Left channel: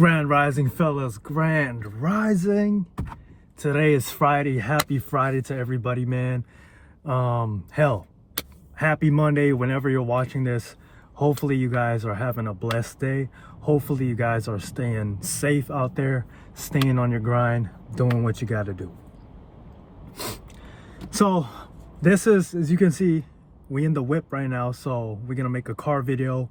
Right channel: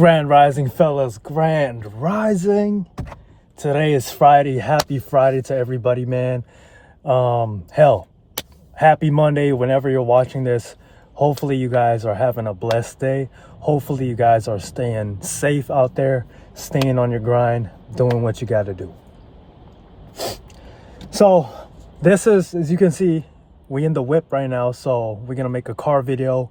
Grand Rising, fellas. Grand Rising. Today is Friday. Happy Friday to everybody, man. Hell, happy Monday whenever you're watching this. Hopefully you guys are having a blessed day. Hopefully you guys are staying safe out there, staying on your grind, doing what you got to do. So this is, as you can see, we in the whip right now. So we're going to make a car video.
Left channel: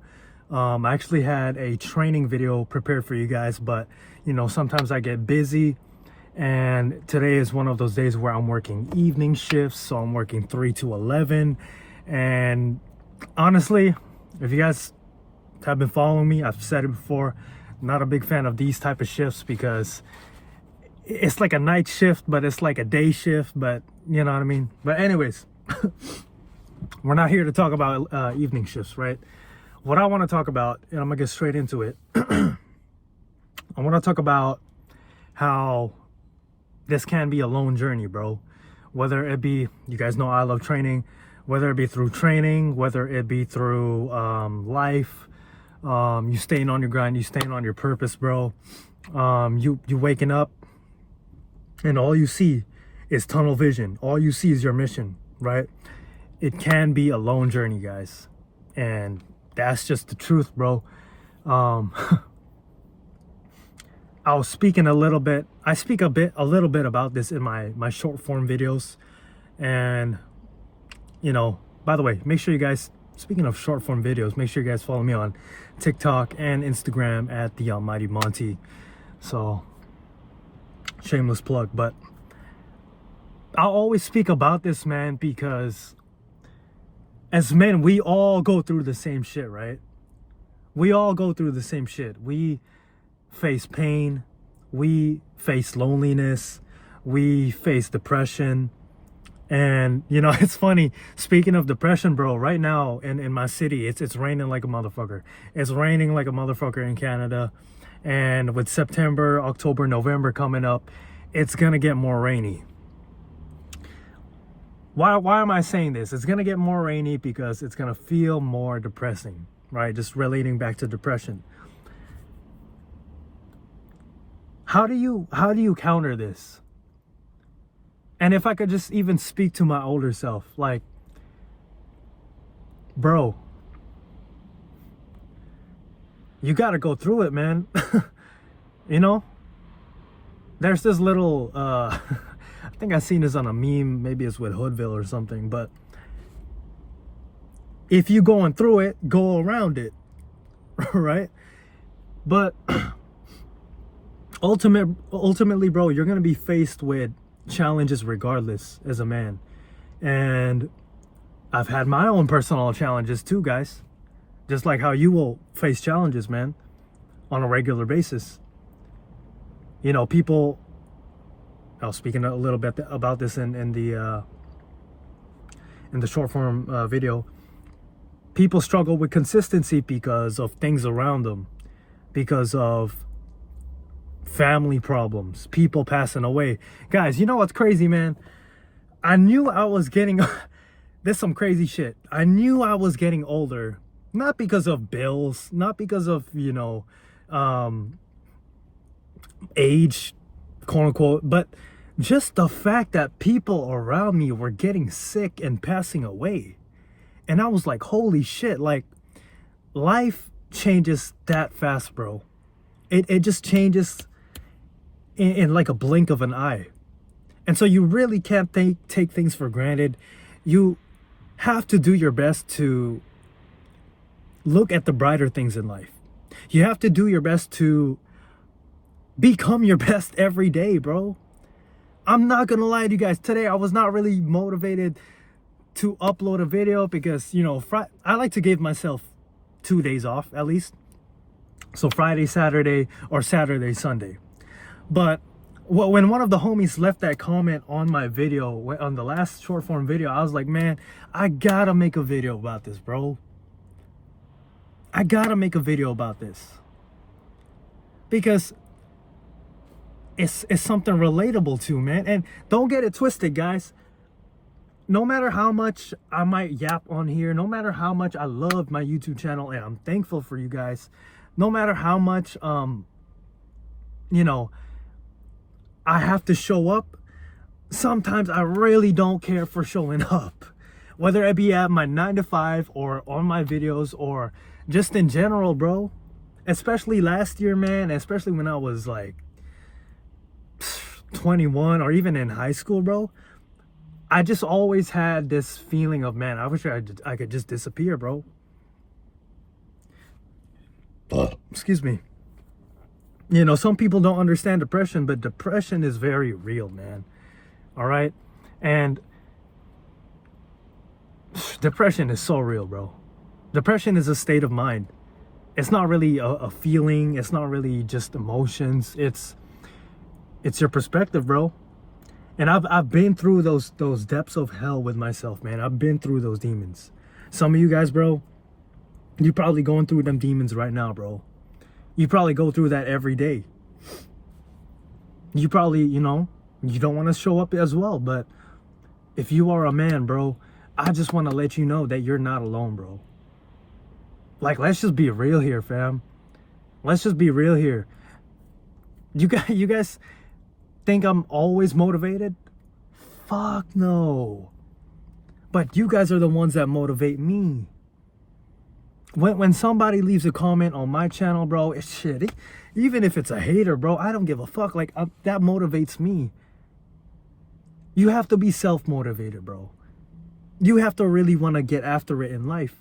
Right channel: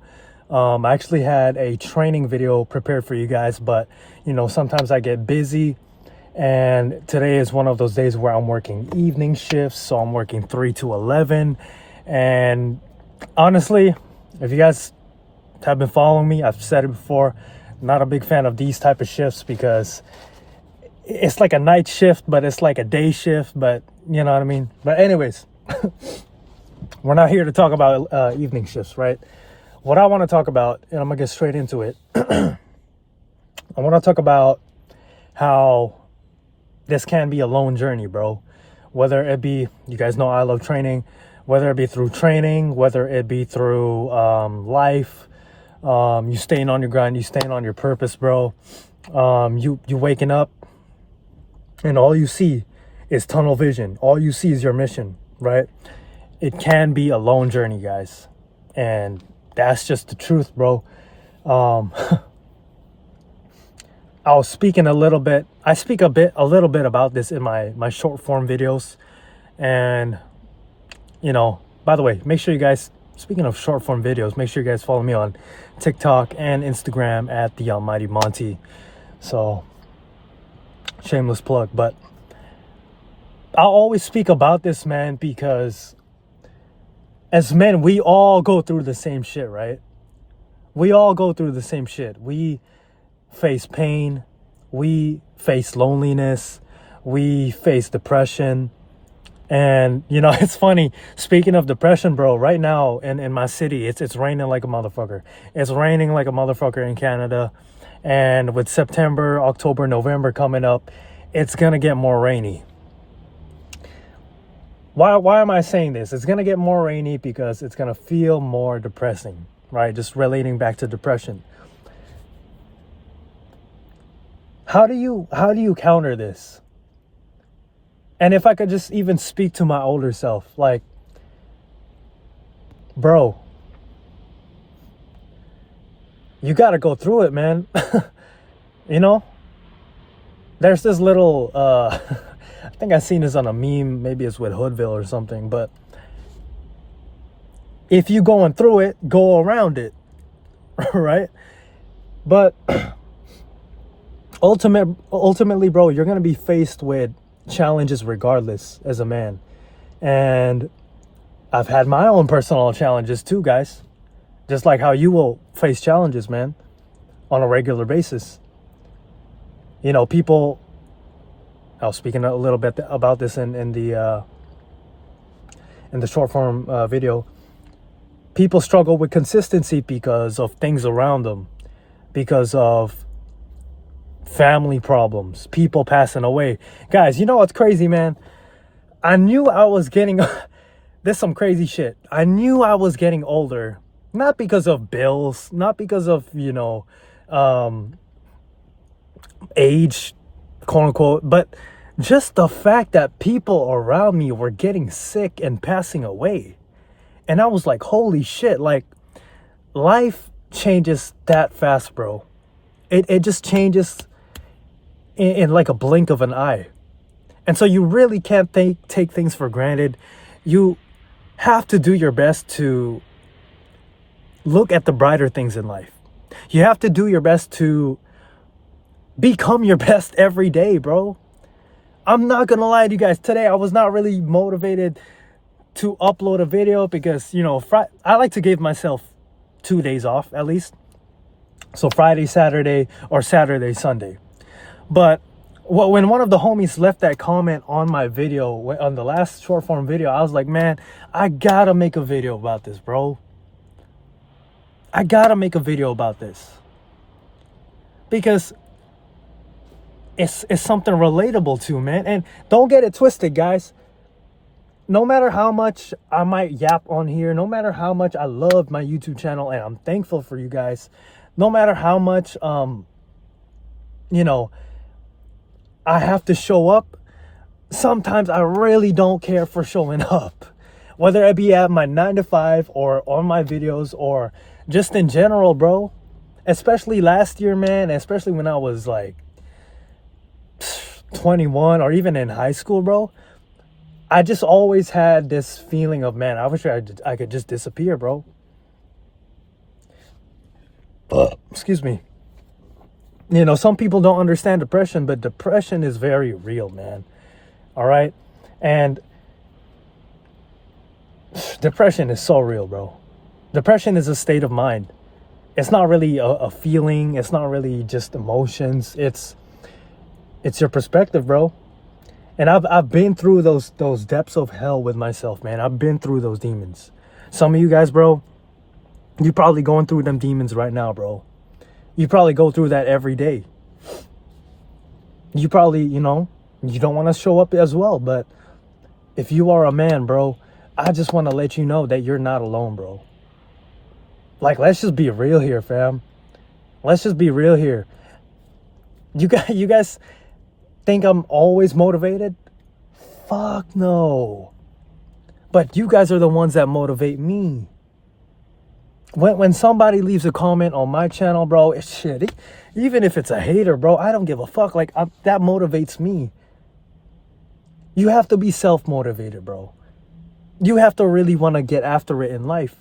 I actually had a training video prepared for you guys, but you know, sometimes I get busy, and today is one of those days where I'm working evening shifts. So I'm working 3 to 11. And honestly, if you guys have been following me, I've said it before, I'm not a big fan of these type of shifts because it's like a night shift, but it's like a day shift, but you know what I mean? But anyways, we're not here to talk about evening shifts, right? What I want to talk about, and I'm going to get straight into it. I want to talk about how this can be a lone journey, bro. Whether it be, you guys know I love training, whether it be through training, whether it be through life, you staying on your grind, you staying on your purpose, bro. You waking up and all you see is tunnel vision. All you see is your mission, right? It can be a lone journey, guys. And that's just the truth, bro. I was speaking a little bit. I speak a little bit about this in my short form videos. And, you know, by the way, make sure you guys, speaking of short form videos, make sure you guys follow me on TikTok and Instagram at The Almighty Monty. So, shameless plug. But I'll always speak about this, man, because as men, we all go through the same shit, right? We all go through the same shit. We face pain. We face loneliness. We face depression. And, you know, it's funny. Speaking of depression, bro, right now in my city, it's raining like a motherfucker. It's raining like a motherfucker in Canada. And with September, October, November coming up, it's going to get more rainy. Why am I saying this? It's going to get more rainy because it's going to feel more depressing, right? Just relating back to depression. How do you counter this? And if I could just even speak to my older self, like, bro, you got to go through it, man. You know, there's this little, I think I seen this on a meme, maybe it's with Hoodville or something, but if you going through it, go around it, right? But ultimately, bro, you're going to be faced with challenges regardless as a man. And I've had my own personal challenges too, guys. Just like how you will face challenges, man, on a regular basis. You know, people, I was speaking a little bit about this in the short form video. People struggle with consistency because of things around them, because of family problems, people passing away. Guys, you know what's crazy, man? I knew I was getting, this some crazy shit. I knew I was getting older, not because of bills, not because of, you know, age, quote unquote, but just the fact that people around me were getting sick and passing away. And I was like, holy shit, like, life changes that fast, bro. It just changes in like a blink of an eye. And so you really can't take things for granted. You have to do your best to look at the brighter things in life. You have to do your best to become your best every day, bro. I'm not gonna lie to you guys. Today, I was not really motivated to upload a video because, you know, I like to give myself 2 days off at least. So Friday, Saturday, or Saturday, Sunday. But when one of the homies left that comment on my video, on the last short form video, I was like, man, I gotta make a video about this, bro. I gotta make a video about this. Because it's something relatable to, man. And don't get it twisted, guys. No matter how much I might yap on here, no matter how much I love my YouTube channel, and I'm thankful for you guys, no matter how much you know, I have to show up, sometimes I really don't care for showing up. Whether it be at my 9 to 5 or on my videos or just in general, bro. Especially last year, man, especially when I was like 21 or even in high school, bro. I just always had this feeling of, man, I wish I could just disappear, bro. Excuse me. You know, some people don't understand depression, but depression is very real, man. All right? And depression is so real, bro. Depression is a state of mind. It's not really a feeling. It's not really just emotions. It's your perspective, bro. And I've been through those depths of hell with myself, man. I've been through those demons. Some of you guys, bro, you probably going through them demons right now, bro. You probably go through that every day. You probably, you don't want to show up as well. But if you are a man, bro, I just want to let you know that you're not alone, bro. Like, let's just be real here, fam. Let's just be real here. You guys think I'm always motivated? Fuck no. But you guys are the ones that motivate me. When somebody leaves a comment on my channel, bro, it's shit. Even if it's a hater, bro, I don't give a fuck. Like, that motivates me. You have to be self-motivated, bro. You have to really want to get after it in life.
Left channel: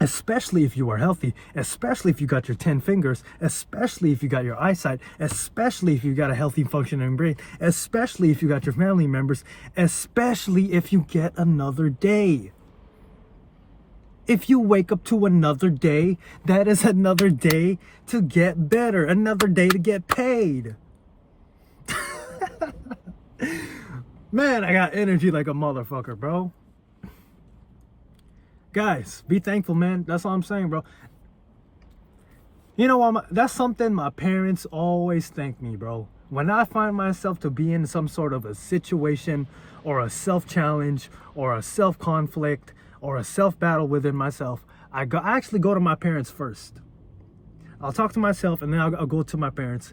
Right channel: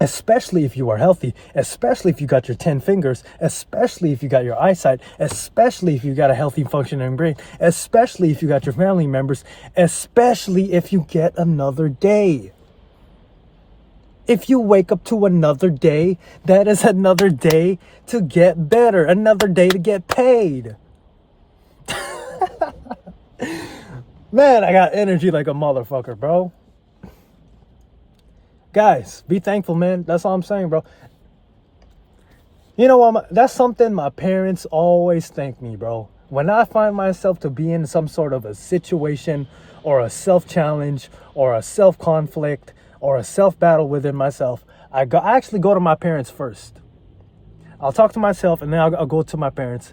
Especially if you are healthy. Especially if you got your 10 fingers. Especially if you got your eyesight. Especially if you got a healthy functioning brain. Especially if you got your family members. Especially if you get another day. If you wake up to another day, that is another day to get better. Another day to get paid. Man, I got energy like a motherfucker, bro. Guys, be thankful, man. That's all I'm saying, bro. You know what? That's something my parents always thank me, bro. When I find myself to be in some sort of a situation or a self-challenge or a self-conflict or a self-battle within myself, I actually go to my parents first. I'll talk to myself and then I'll go to my parents.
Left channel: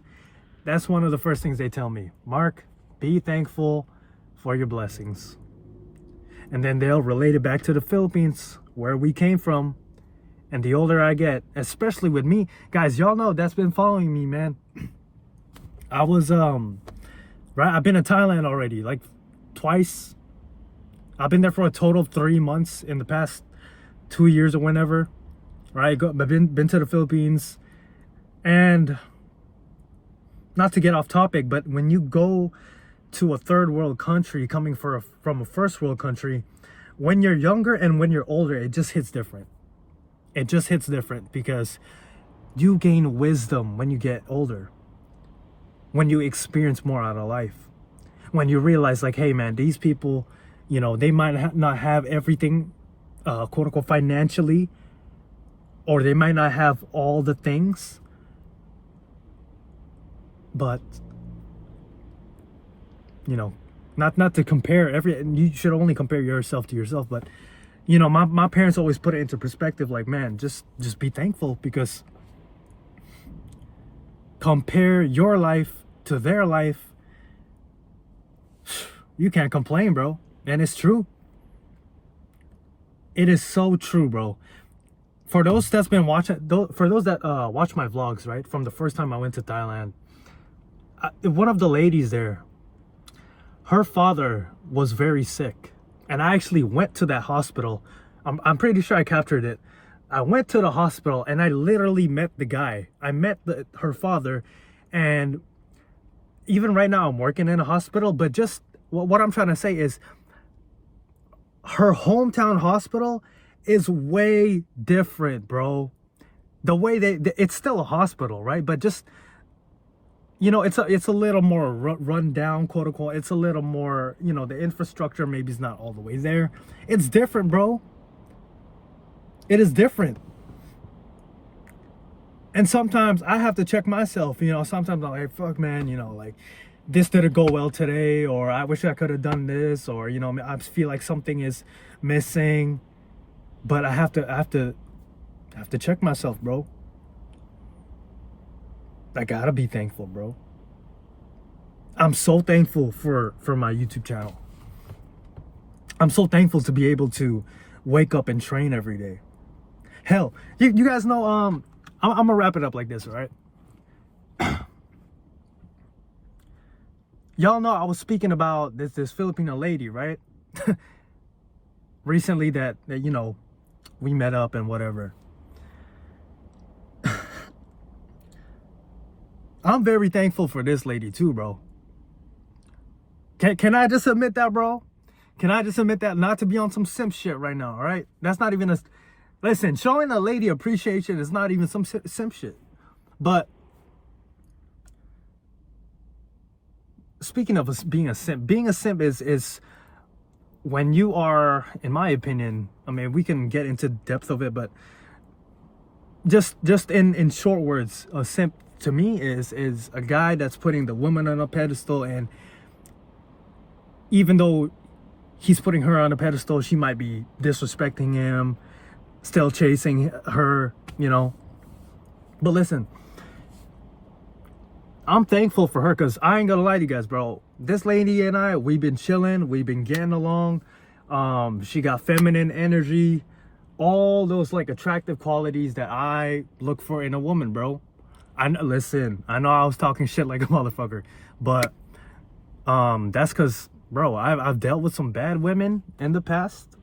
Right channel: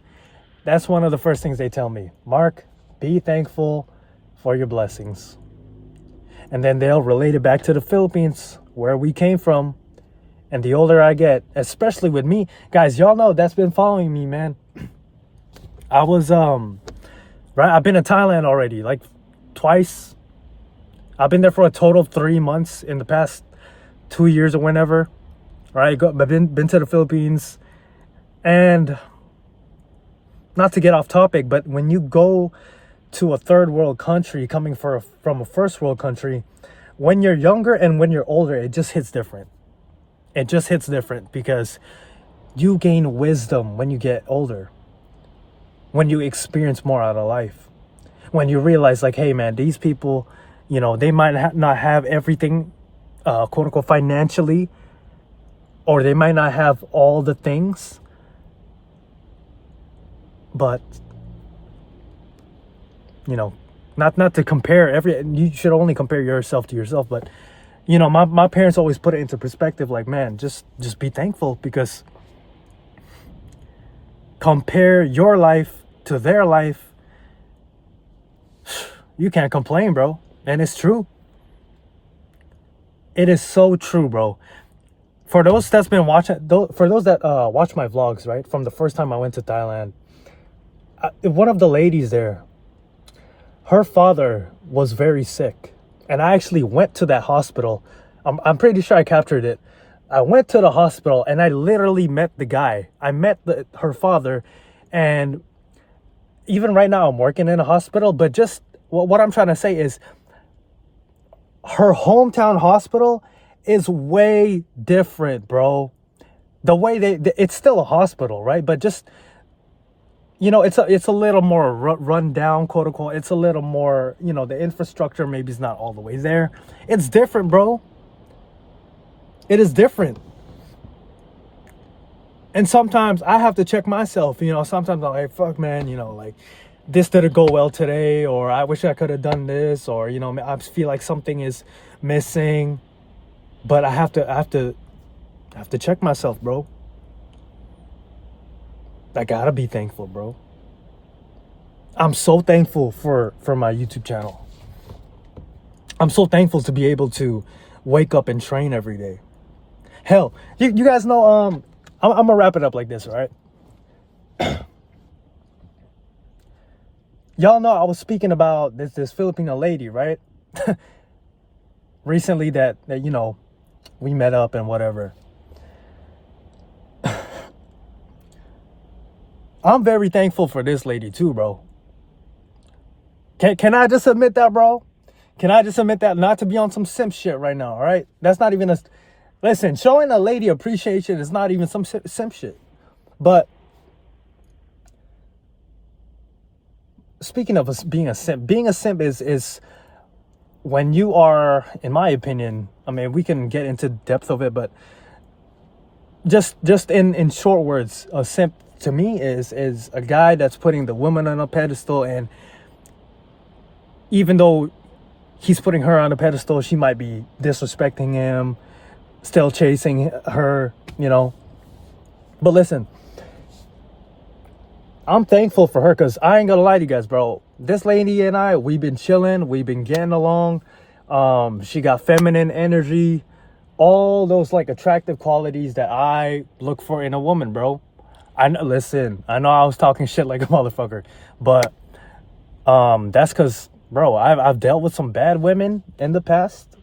That's one of the first things they tell me. Mark, be thankful for your blessings. And then they'll relate it back to the Philippines, where we came from. And the older I get, especially with me, guys, y'all know that's been following me, man. I was, right, I've been to Thailand already, like twice. I've been there for a total of 3 months in the past 2 years or whenever. Right, I've been to the Philippines. And not to get off topic, but when you go to a third world country coming from a first world country, when you're younger and when you're older, it just hits different. It just hits different because you gain wisdom when you get older, when you experience more out of life, when you realize, like, hey man, these people, they might not have everything, quote unquote, financially, or they might not have all the things, but not to compare you should only compare yourself to yourself, but my parents always put it into perspective, like, man, just be thankful, because compare your life to their life, you can't complain, bro. And it's true. It is so true, bro. For those that's been watching, for those that watch my vlogs, right, from the first time I went to Thailand, one of the ladies there, her father was very sick. And I actually went to that hospital. I'm pretty sure I captured it. I went to the hospital and I literally met the guy. I met her father. And even right now I'm working in a hospital. But just what I'm trying to say is, her hometown hospital is way different, bro. The way it's still a hospital, right? But just, it's a little more run down, quote unquote. It's a little more, the infrastructure maybe is not all the way there. It's different, bro. It is different. And sometimes I have to check myself, sometimes I'm like, fuck, man, like, this didn't go well today, or I wish I could have done this, or, I feel like something is missing. But I have to check myself, bro. I gotta be thankful, bro. I'm so thankful for my YouTube channel. I'm so thankful to be able to wake up and train every day. Hell, you guys know, I'm gonna wrap it up like this, all right? Y'all know I was speaking about this Filipino lady, right? Recently that you know, we met up and whatever. I'm very thankful for this lady too, bro. Can I just admit that, bro? Can I just admit that? Not to be on some simp shit right now, all right? That's not even a... Listen, showing a lady appreciation is not even some simp shit. But speaking of being a simp is when you are, in my opinion, I mean, we can get into depth of it, but just in short words, a simp to me is a guy that's putting the woman on a pedestal, and even though he's putting her on a pedestal, she might be disrespecting him, still chasing her, you know. But listen, I'm thankful for her, because I ain't gonna lie to you guys, bro. This lady and I, we've been chilling, we've been getting along. She got feminine energy, all those like attractive qualities that I look for in a woman, bro. Listen, I know I was talking shit like a motherfucker, but that's because, bro, I've dealt with some bad women in the past,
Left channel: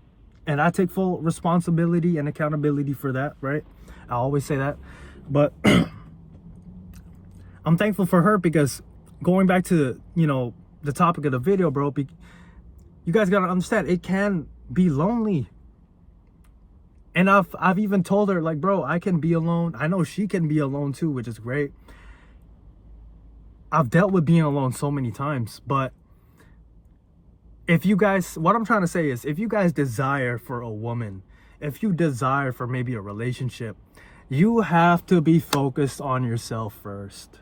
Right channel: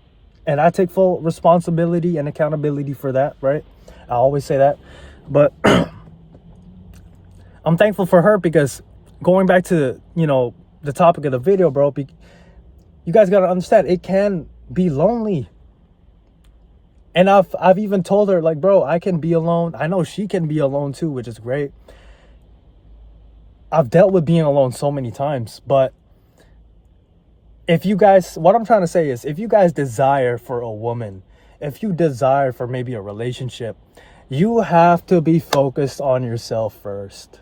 and I take full responsibility and accountability for that, right? I always say that. But I'm thankful for her, because going back to, you know, the topic of the video, bro, you guys got to understand, it can be lonely. And I've even told her, like, bro, I can be alone. I know she can be alone too, which is great. I've dealt with being alone so many times, but if you guys, what I'm trying to say is, if you guys desire for a woman, if you desire for maybe a relationship, you have to be focused on yourself first.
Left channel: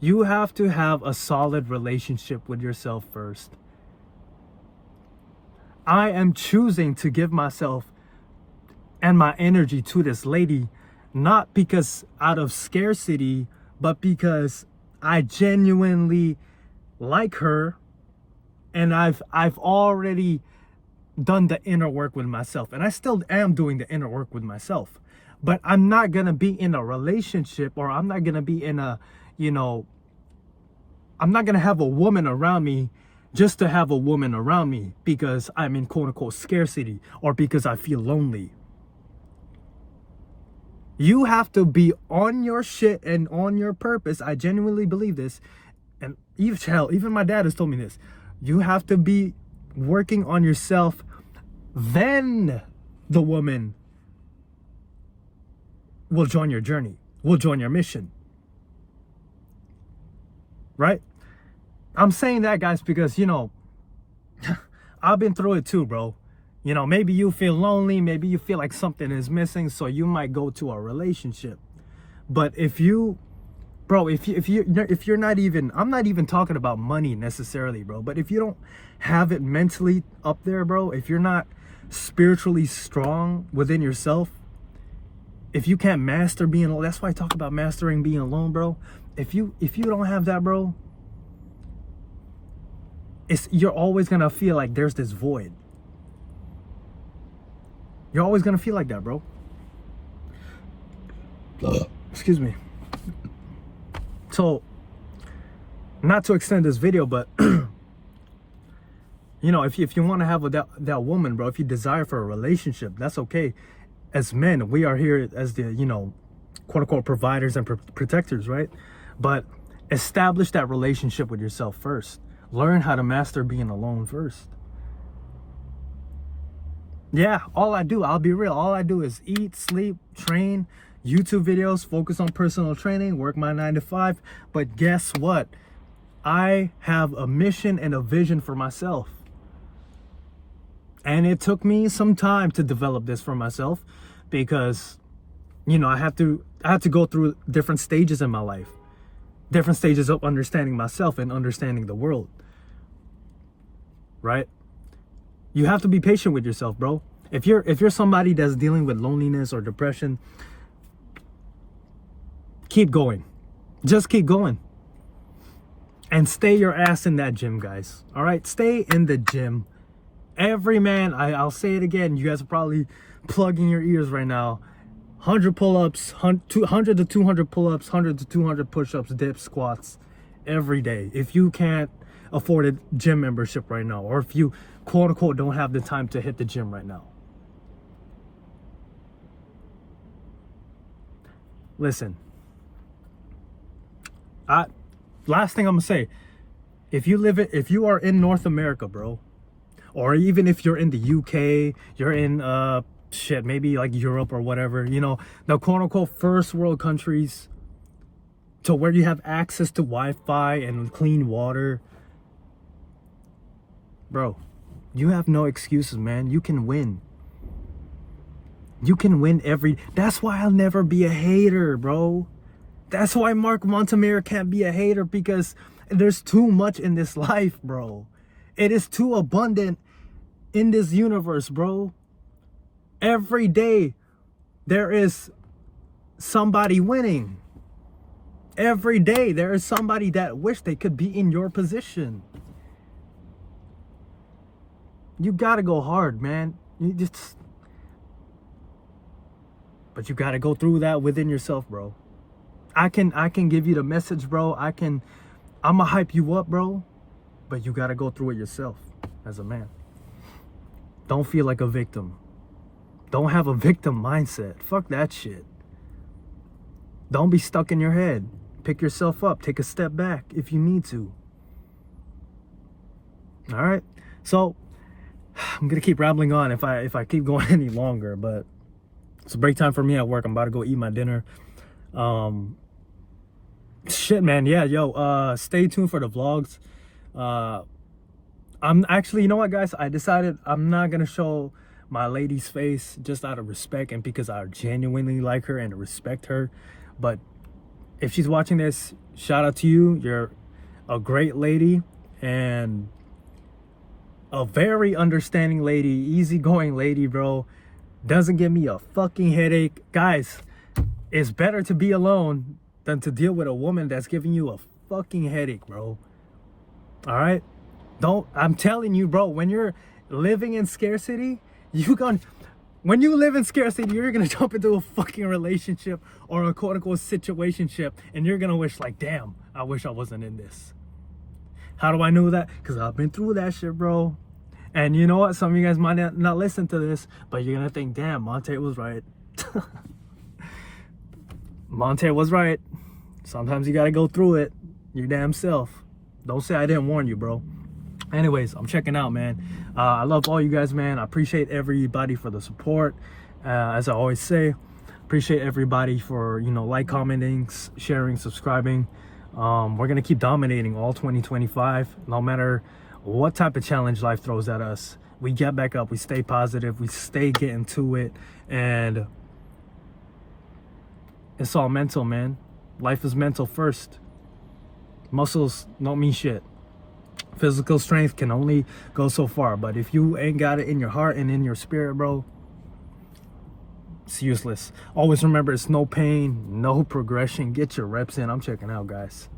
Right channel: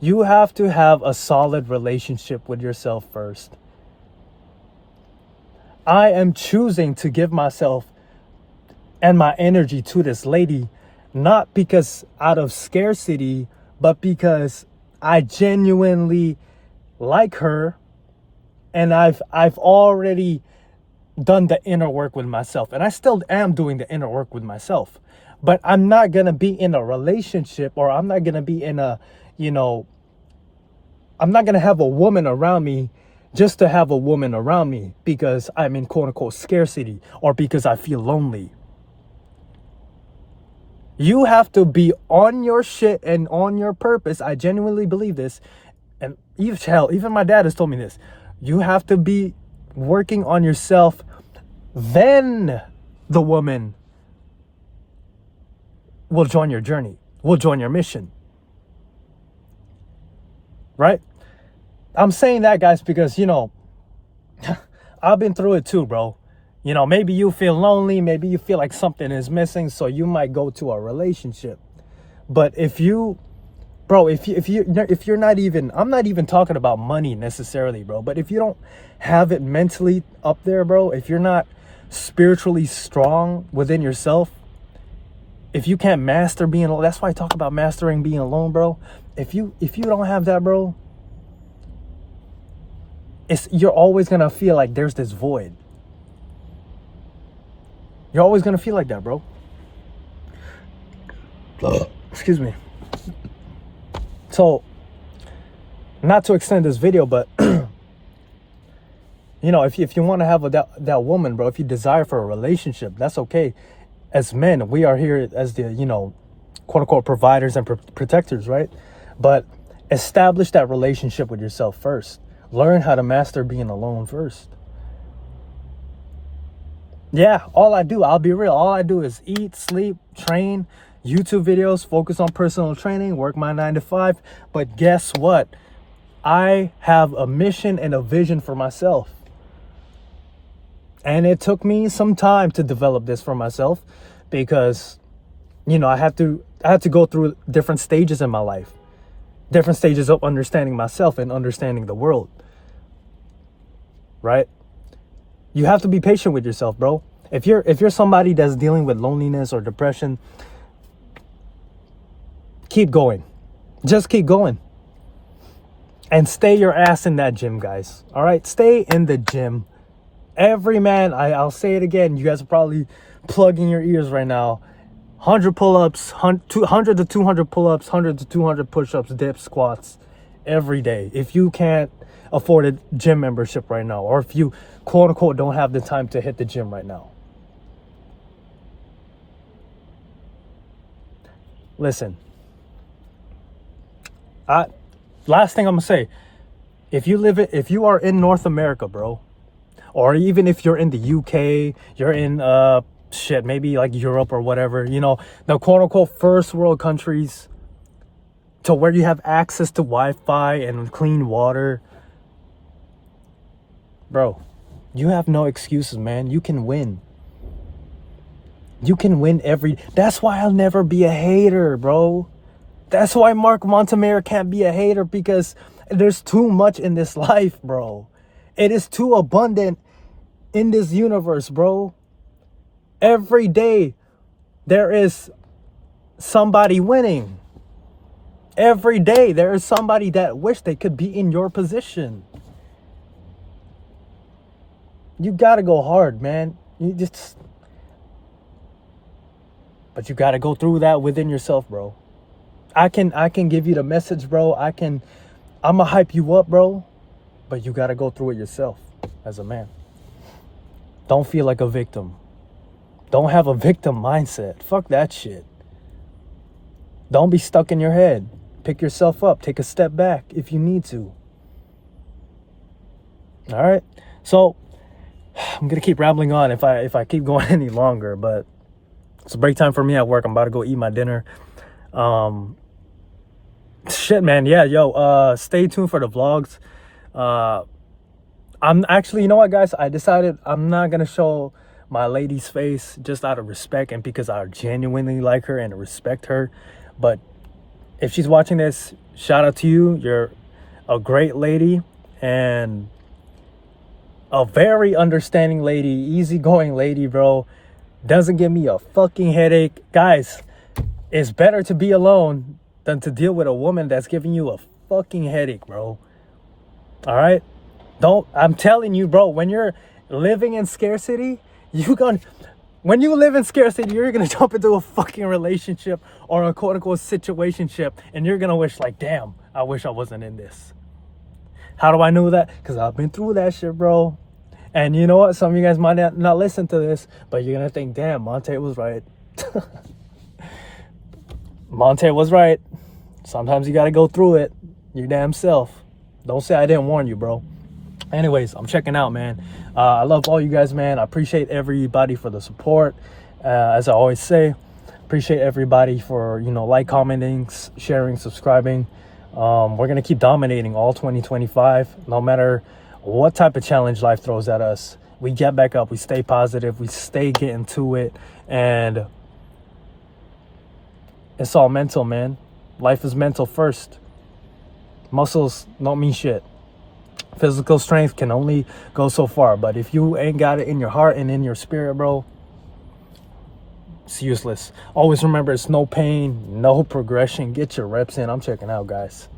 You have to have a solid relationship with yourself first. I am choosing to give myself and my energy to this lady, not because out of scarcity, but because I genuinely like her, and I've already done the inner work with myself, and I still am doing the inner work with myself. But I'm not gonna be in a relationship, or I'm not gonna be in a, you know, I'm not gonna have a woman around me just to have a woman around me because I'm in quote unquote scarcity, or because I feel lonely. You have to be on your shit and on your purpose. I genuinely believe this. And even my dad has told me this. You have to be working on yourself. Then the woman will join your journey, will join your mission. Right? I'm saying that, guys, because, you know, I've been through it too, bro. You know, maybe you feel lonely, maybe you feel like something is missing, so you might go to a relationship. But if you're not even, I'm not even talking about money necessarily, bro, but if you don't have it mentally up there, bro, if you're not spiritually strong within yourself, if you can't master being alone, that's why I talk about mastering being alone, bro. If you don't have that, bro, you're always gonna feel like there's this void. You're always gonna feel like that, bro. Excuse me. So, not to extend this video, but you know, if you want to have that woman, bro, if you desire for a relationship, that's okay. As men, we are here as the, you know, quote unquote providers and protectors, right? But establish that relationship with yourself first. Learn how to master being alone first. Yeah, I'll be real, all I do is eat, sleep, train, YouTube videos, focus on personal training, work my 9 to 5. But guess what? I have a mission and a vision for myself. And it took me some time to develop this for myself, because, you know, I had to go through different stages in my life, different stages of understanding myself and understanding the world. Right? You have to be patient with yourself, bro. If you're somebody that's dealing with loneliness or depression, keep going. Just keep going. And stay your ass in that gym, guys. All right? Stay in the gym. Every man, I'll say it again. You guys are probably plugging your ears right now. 100 pull-ups, 100 to 200 pull-ups, 100 to 200 push-ups, dips, squats every day. If you can't afford a gym membership right now, or if you, quote unquote, don't have the time to hit the gym right now. Listen. Last thing I'm gonna say, if you are in North America, bro, or even if you're in the UK, you're in maybe like Europe or whatever, you know, the quote unquote first world countries, to where you have access to Wi-Fi and clean water, bro, you have no excuses, man. You can win. You can win that's why I'll never be a hater, bro. That's why Mark Montemare can't be a hater, because there's too much in this life, bro. It is too abundant in this universe, bro. Every day there is somebody winning. Every day there is somebody that wish they could be in your position. You gotta go hard, man. But you gotta go through that within yourself, bro. I can give you the message, bro. I'ma hype you up, bro. But you gotta go through it yourself as a man. Don't feel like a victim. Don't have a victim mindset. Fuck that shit. Don't be stuck in your head. Pick yourself up. Take a step back if you need to. All right. So I'm gonna keep rambling on if I keep going any longer, but it's break time for me at work. I'm about to go eat my dinner. Shit, man. Yeah, stay tuned for the vlogs. I'm actually, you know what, guys? I decided I'm not gonna show my lady's face, just out of respect and because I genuinely like her and respect her. But if she's watching this, shout out to you. You're a great lady and a very understanding lady, easygoing lady, bro. Doesn't give me a fucking headache. Guys, it's better to be alone than to deal with a woman that's giving you a fucking headache, bro. All right? I'm telling you, bro, when you're living in scarcity, when you live in scarcity, you're gonna jump into a fucking relationship or a quote unquote situationship, and you're gonna wish like, damn, I wish I wasn't in this. How do I know that? Because I've been through that shit, bro. And you know what? Some of you guys might not listen to this, but you're gonna think, damn, Monte was right. Monte was right. Sometimes you gotta go through it your damn self. Don't say I didn't warn you, bro. Anyways, I'm checking out, man. I love all you guys, man. I appreciate everybody for the support. As I always say, appreciate everybody for, like, commenting, sharing, subscribing. We're gonna keep dominating all 2025, no matter what type of challenge life throws at us. We get back up, we stay positive, we stay getting to it, and it's all mental, man. Life is mental first. Muscles don't mean shit. Physical strength can only go so far, but if you ain't got it in your heart and in your spirit, bro, it's useless. Always remember, it's no pain, no progression. Get your reps in. I'm checking out, guys.